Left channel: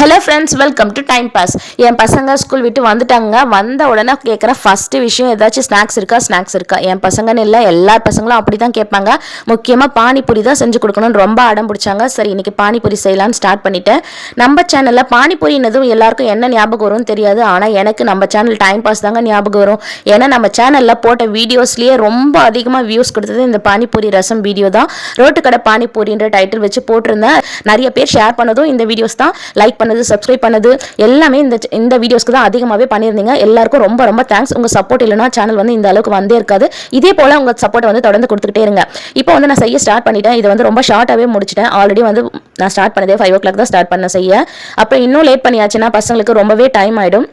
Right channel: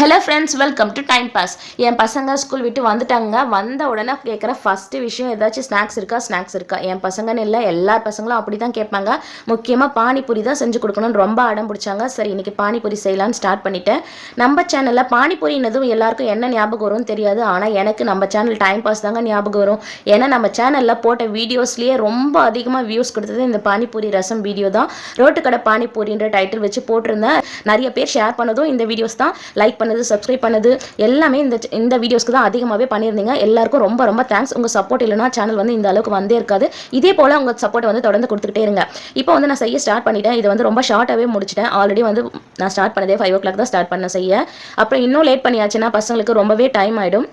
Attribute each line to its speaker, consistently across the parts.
Speaker 1: Hello friends welcome to time pass என் பசங்க school விட்டு வந்துட்டாங்க. வந்த உடனே கேட்குற ஃபஸ்ட்டு விஷயம் ஏதாச்சும் ஸ்நாக்ஸ் இருக்கா? ஸ்நாக்ஸ் இருக்கா? என் பசங்கன்னு இல்லை எல்லா பசங்களும் அப்படி தான் கேட்பாங்க. முக்கியமாக பானிபூரி தான் செஞ்சு கொடுக்கணும்னு ரொம்ப அடம் பிடிச்சாங்க. சரி இன்னைக்கு பானிபூரி செய்யலாம்னு ஸ்டார்ட் பண்ணிட்டேன். நம்ம சேனலில் பானிபூரினதும் எல்லாருக்கும் என்ன ஞாபகம் வரும்னு தெரியாது. ஆனால் எனக்கு நம்ம சேனல் டைம் பாஸ் தாங்க ஞாபகம் வரும். ஏன்னா நம்ம சேனலில் போட்ட வீடியோஸ்லேயே ரொம்ப அதிகமாக வியூஸ் கொடுத்தது இந்த பானிபூரி ரசம் வீடியோ தான். ரோட்டு கடை பானிபூரின்ற டைட்டில் வச்சு போட்டிருந்தேன். நிறைய பேர் ஷேர் பண்ணதும் இந்த வீடியோஸ் தான். லைக் பண்ண பண்ணது சப்ஸ்கிரைப் பண்ணது எல்லாமே இந்த இந்த வீடியோஸ்க்கு தான் அதிகமாகவே பண்ணியிருந்தீங்க. எல்லாருக்கும் ரொம்ப ரொம்ப தேங்க்ஸ் உங்கள் சப்போர்ட் இல்லைனா சேனல் வந்து இந்த அளவுக்கு வந்தே இருக்காது. இதே போல் உங்கள் சப்போர்ட்டை வந்து தொடர்ந்து கொடுத்துக்கிட்டே இருங்க. இப்போ வந்து நான் செய்ய ஸ்டார்ட் பண்ணிட்டேன். இது வந்து ரொம்ப ஷார்ட்டாகவே முடிச்சிட்டேன். ஆல்ரெடி வந்து நான் ஸ்டார்ட் பண்ணதே ஃபைவ் ஓ கிளாக் தான் ஸ்டார்ட் பண்ண செய்ய. அப்புறம் இன்னும் லேட் பண்ணியாச்சுன்னா பசங்களுக்கு ரொம்பவே டைம் ஆகிடும்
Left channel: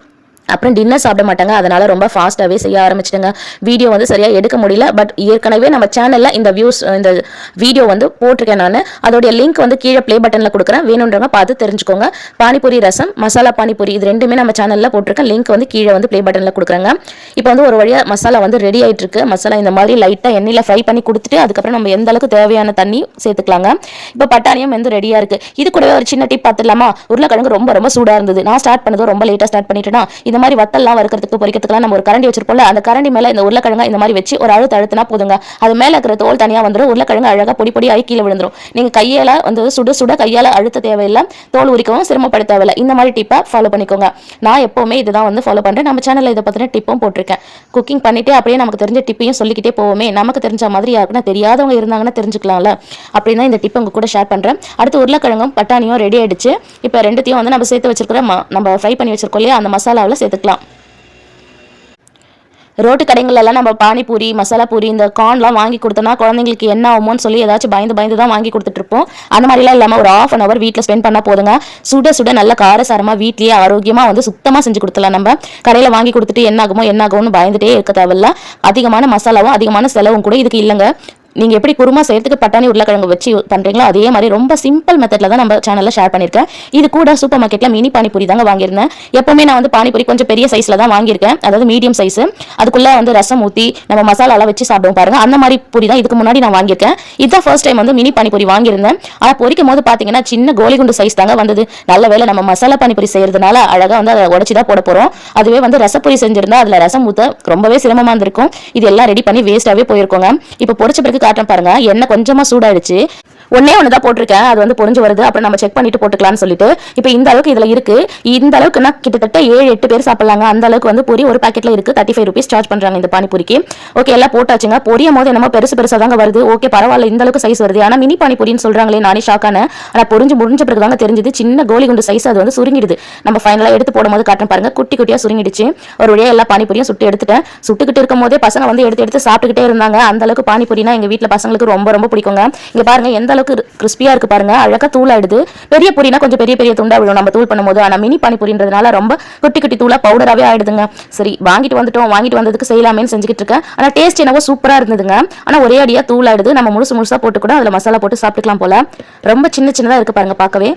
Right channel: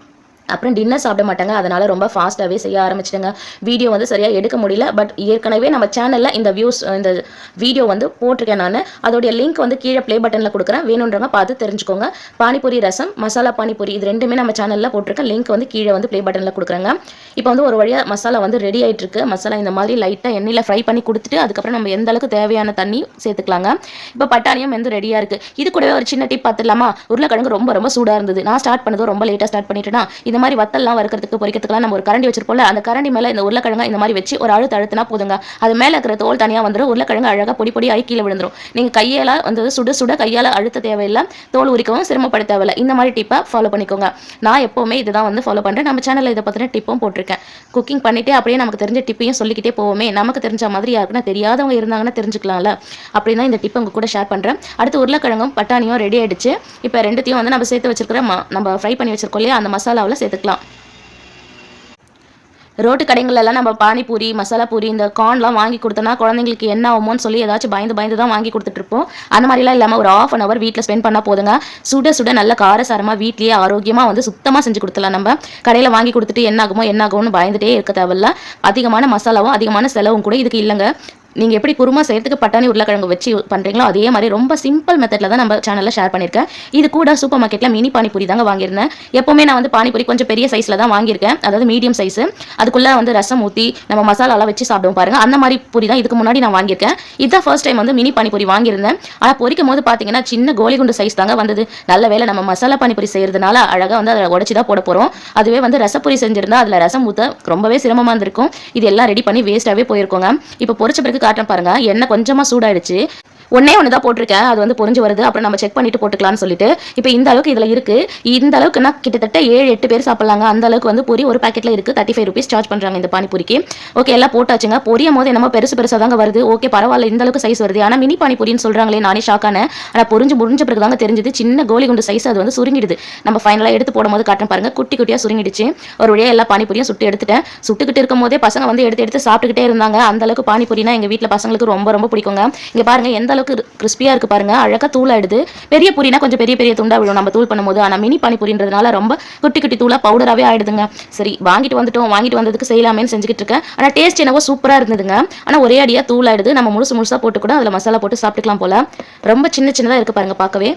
Speaker 1: அப்புறம் டின்னர் சாப்பிட மாட்டாங்க. அதனால ரொம்ப ஃபாஸ்ட்டாகவே செய்ய ஆரம்பிச்சிட்டுங்க. வீடியோ வந்து சரியாக எடுக்க முடியல. பட் ஏற்கனவே நம்ம சேனலில் இந்த வியூஸ் இந்த வீடியோ வந்து போட்டிருக்கேன் நான். அதோடைய லிங்க் வந்து கீழே ப்ளே பட்டனில் கொடுக்குறேன். வேணுன்றவங்க பார்த்து தெரிஞ்சுக்கோங்க. பானிபூரி ரசம் மசாலா பானிபூரி இது ரெண்டுமே நம்ம சேனலில் போட்டிருக்கேன். லிங்க் வந்து கீழே வந்து ப்ளே பட்டனில் கொடுக்குறாங்க. இப்போ வந்து ஒரு வழியாக மசாலா வந்து ரெடி ஆகிட்டுருக்கு மசாலா இந்த மாதிரி லைட்டாக எண்ணெயில் ஃப்ரை பண்ணி கொடுத்துட்டு அதுக்கப்புறம் நம்ம எந்த அளவுக்கு தேவையான தண்ணி சேர்த்துக்கலாங்க. இப்போ பட்டாணியும் வந்து ரெடியாக இருக்குது இது கூடவே ஒரு சின்ன டிப் பார்த்துலாமா உருளைக்கிழங்கு ரொம்ப ரொம்ப சூடாக இருந்தது. நான் ஸ்டார்ட் பண்ணதும் ரொம்ப லேட்டாக ஸ்டார்ட் பண்ணிட்டேன்னா இந்த மாதிரி வத்தல்லாம் வறுக்கிறதுக்கு பொரிக்கிறதுக்குலாம் நம்ம ஒரு கரண்டி வச்சிருப்போம்ல அந்த கரண்டி மேலே இந்த உருளைக்கிழங்க இந்த மாதிரி வச்சு ஒரு அழுத்த அழுத்தினா போதுங்க. அது மேலே இருக்கிற தோல் தனியாக வந்துடும் உருளைக்கிழங்கு அழகாக பொடி பொடி ஆகி கீழே விழுந்துடும் நீங்கள் கையால் வந்து சுட சுட கையால் அழுத்த தேவையில்லை. தோல் உரிக்கவும் சிரமப்பட தேவையில்லை. இந்த மாதிரி டிப்பை ஃபாலோ பண்ணிக்கோங்க. நான் எப்போவுமே இதுதான் வந்து ஃபாலோ பண்ணுறேன் நம்ம சேனலில் இதை பற்றின டிப்பும் போட்டிருக்கேன். குக்கிங் பண்ணிட்டு அப்படியே நமக்கு தெரிஞ்ச டிப்பையும் சொல்லிக்கிட்டே போவோமே. நமக்கு தெரிஞ்ச மாதிரி யாருக்குன்னா தெரியாதவங்க இருந்தாங்கன்னா தெரிஞ்சுக்கலாம்ல. அப்படின்னு இந்த டிப்பை உங்கள் கூட ஷேர் பண்ணுறேன் அடுத்து உருளைக்கிழங்கும் பட்டாணியும் ரெடி ஆயிடுச்சு. இப்போ ரெண்டுத்தையும் வந்து நம்ம சேர்த்து வச்சிருக்கிற நம்ம ஃப்ரை பண்ணி வச்சிருக்கோம் இல்லையா? அந்த மசாலாவில் சேர்த்துக்கலாம் ரோட்டு கடைங்களெல்லாம் நம்ம பானிபூரி மசாலா பூரி இந்த கார்ன்லாம் வாங்கி கொடுத்தோம்னா குழந்தைங்களுக்கு என்ன ஆகுமோன்னு சொல்லி ஏதாச்சும் பயந்து பயந்து தான் வாங்கி கொடுத்துட்ருப்போம் அந்த மாதிரிலாம் இல்லாமல் ஒரு ஆஃப் அன் அவர் வீட்டில் ஸ்பெண்ட் பண்ணால் போதுங்க. சுட சுட நல்ல காரசாரமாக வீட்லேயே ஆரோக்கியமாக வந்து சுத்தமாக செஞ்சு கொடுத்துலாம் நம்ம. கடையில் வாங்கி கொடுத்துட்டு என்ன ஆகுமோ என்ன ஆகும்னு பயந்துட்டே இருக்க தேவையில்ல. அதிகமான மசாலாவும் அதிகமான செலவும் கூட இதுக்கு இல்லைங்க. நீங்கள் எப்படி குருமா செய்யறதுக்கு பட்டாணி உருளைக்கிழங்கு வச்சு பண்றீங்களோ அதே மாதிரி ரொம்ப சிம்பிள் மெத்தட்ல தான் நம்ம சேனலில் ஷேர் பண்ணியிருக்கேன். இது கூட சூப்பர் மார்க்கெட்டில் மினி பானிபூரி தாங்க வாங்கியிருந்தேன். எப்போவுமே நான் வந்து பானிபூரி கொஞ்சம் பெரிய சைஸில் தான் வாங்கியிருக்கேன். அதாவது மீடியம் சைஸ் அதுக்குள்ள வந்து ரசம் ஊற்றி நம்ம மசாலாலாம் வச்சு சாப்பிடுவோம் பாருங்க. அந்த மாதிரி பூரி தான் இதுக்கு முன்னாடி நான் வாங்கியிருக்கேன். இதுதான் ஃபர்ஸ்ட் டைம் வந்து மினி பானிபூரி வாங்கியிருந்தேன். ஆனால் பொரிக்கும் போது பார்த்தீங்கன்னா சின்ன கோலிகுண்டு சைஸ் தாங்க வந்தது. நல்ல வேளை நம்ம மசாலா பானிபூரி செய்யறதுனால அழகாக வந்து அதை உடச்சி தான் போட போகிறோம் அதுவே வந்து ரசப்பொரி செஞ்சிருந்தா அதில் ரசம் ஊற்ற ரொம்பவே சிரமமா இருந்திருக்கும். இது எல்லாம் ரெடி பண்ணி வேஸ்ட்டாகவே போயிருக்கோங்க. இப்போ பொரிச்ச பிறகு காட்டுறேன் பாருங்க. எண்ணெய் கொஞ்சமா சூடாயிடுச்சு. ஒன்னே ஒன்று தான் போட்டிருக்கேன். அது வந்து பொறிஞ்சு வருது. அப்புறம் நம்ம செக் பண்ணிட்டு போட்டுக்கலாம்னு சொல்லிட்டு. இப்போ இந்த அளவுக்கு இதில் இருக்கு. இந்த அளவுக்குன்னா கிட்டத்தட்ட ஏழு எட்டு பேர் சாப்பிடலாங்க. அந்த அளவுக்கு வந்து பொரி ஒரு பாக்கெட்ல இருக்கு. தேர்ட்டி ஃபைவ் ருபீஸ் சார்ஜ் பண்றாங்க இந்த பானிபூரிக்கு. ஓகே எல்லாம் போட்டாச்சுங்க. பொரியும் போது என்னமோ பெருசு பெருசாக தாங்க வருது. ஓகே பரவாயில்ல இந்த அளவுக்கு சைஸ் வருது. ஆனால் மினி பானிபூரின்னு சொல்றாங்களே நானே ஷாக்கான ஆனால் பொரிஞ்சு முடிஞ்ச பிறகு தாங்க தெரிஞ்சது. சின்ன கோலி குண்டு சைஸ் அது வந்து சுருங்கிடுது. நம்ம ஃபைனலாக எடுத்து போடும்போது காட்டுறேன் பாருங்க. குட்டி குட்டியாக சுருங்கிடுச்சு. ஒரு வழியாக எல்லா பானிபூரியும் சுட்டு எடுத்துட்டேன். சுட்டுக்கிட்டு இருக்கும் போதே பசங்க வந்து எடுத்து எடுத்து சாப்பிட்டுக்கிட்டே இருந்தாங்க. அந்த அளவுக்கு பானிபூரினா எங்கள் வீட்டில் பசங்களுக்கு ரொம்ப ரொம்ப பிடிக்குங்க. இங்கே பாருங்க எந்த அளவுக்கு கிறிஸ்பியா இருக்கு பாருங்க. அழகா தூளாயிடுது. பெரிய பூரினா கொஞ்சம் பெரிய பெரிய துண்டா விழும் நம்ம தூள் பண்ணும்போது. ஆனா மினி பானிபூரின்றதுனால ரொம்ப குட்டி குட்டி தூளா பவுடராகவே ஆயிடுதுங்க. சரி வாங்கிட்டு வந்துட்டோம். வாங்கிட்டு வந்ததுக்கு செய்யலாமேன்னு செஞ்சுக்கிட்டு இருக்கேன். ஆனா டேஸ்ட் என்னவோ சூப்பரா இருந்ததுங்க. ஆனா ஒரே அடியா தூளாயிடுது. நம்ம முழுசு முழுசா போட்டு கூட அதுல மசாலா போட்டு சாப்பிட்டுக்கலாம் போல. ரொம்ப சின்ன சின்னதா இருக்கு பாருங்க பார்க்கவே.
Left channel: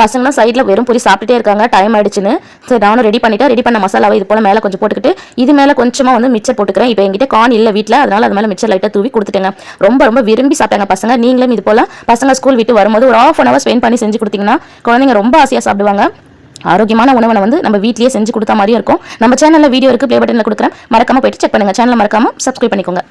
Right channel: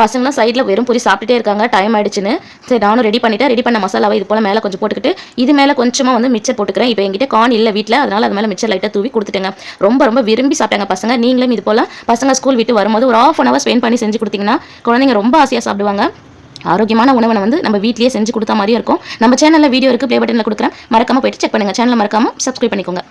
Speaker 1: பசங்களாம் சைடில் வெறும் பூரி சாப்பிட்டுட்டே இருக்காங்க. டைம் ஆயிடுச்சுன்னு. சரி நானும் ரெடி பண்ணிட்டேன். ரெடி பண்ண மசாலாவை இது போல் மேலே கொஞ்சம் போட்டுக்கிட்டு இது மேலே கொஞ்சமாக வந்து மிச்சர் போட்டுக்கிறேன். இப்போ எங்கிட்ட கார்ன் இல்லை வீட்டில் அதனால் அது மேலே மிச்சர் லைட்டாக தூவி கொடுத்துட்டேங்க. ரொம்ப ரொம்ப விரும்பி சாப்பிட்டாங்க பசங்க. நீங்களும் இது போல் பசங்க ஸ்கூல் விட்டு வரும்போது ஒரு ஆஃப் அன் ஹவர் ஸ்பெண்ட் பண்ணி செஞ்சு கொடுத்தீங்கன்னா குழந்தைங்க ரொம்ப ஆசையாக சாப்பிடுவாங்க. ஆரோக்கியமான உணவை வந்து நம்ம வீட்லேயே செஞ்சு கொடுத்த மாதிரியும் இருக்கும். நம்ம சேனலில் வீடியோ இருக்குது ப்ளே பட்டனில் கொடுக்குறேன். மறக்காமல் போயிட்டு செக் பண்ணுங்க. சேனலை மறக்காமல் சப்ஸ்கிரைப் பண்ணிக்கோங்க.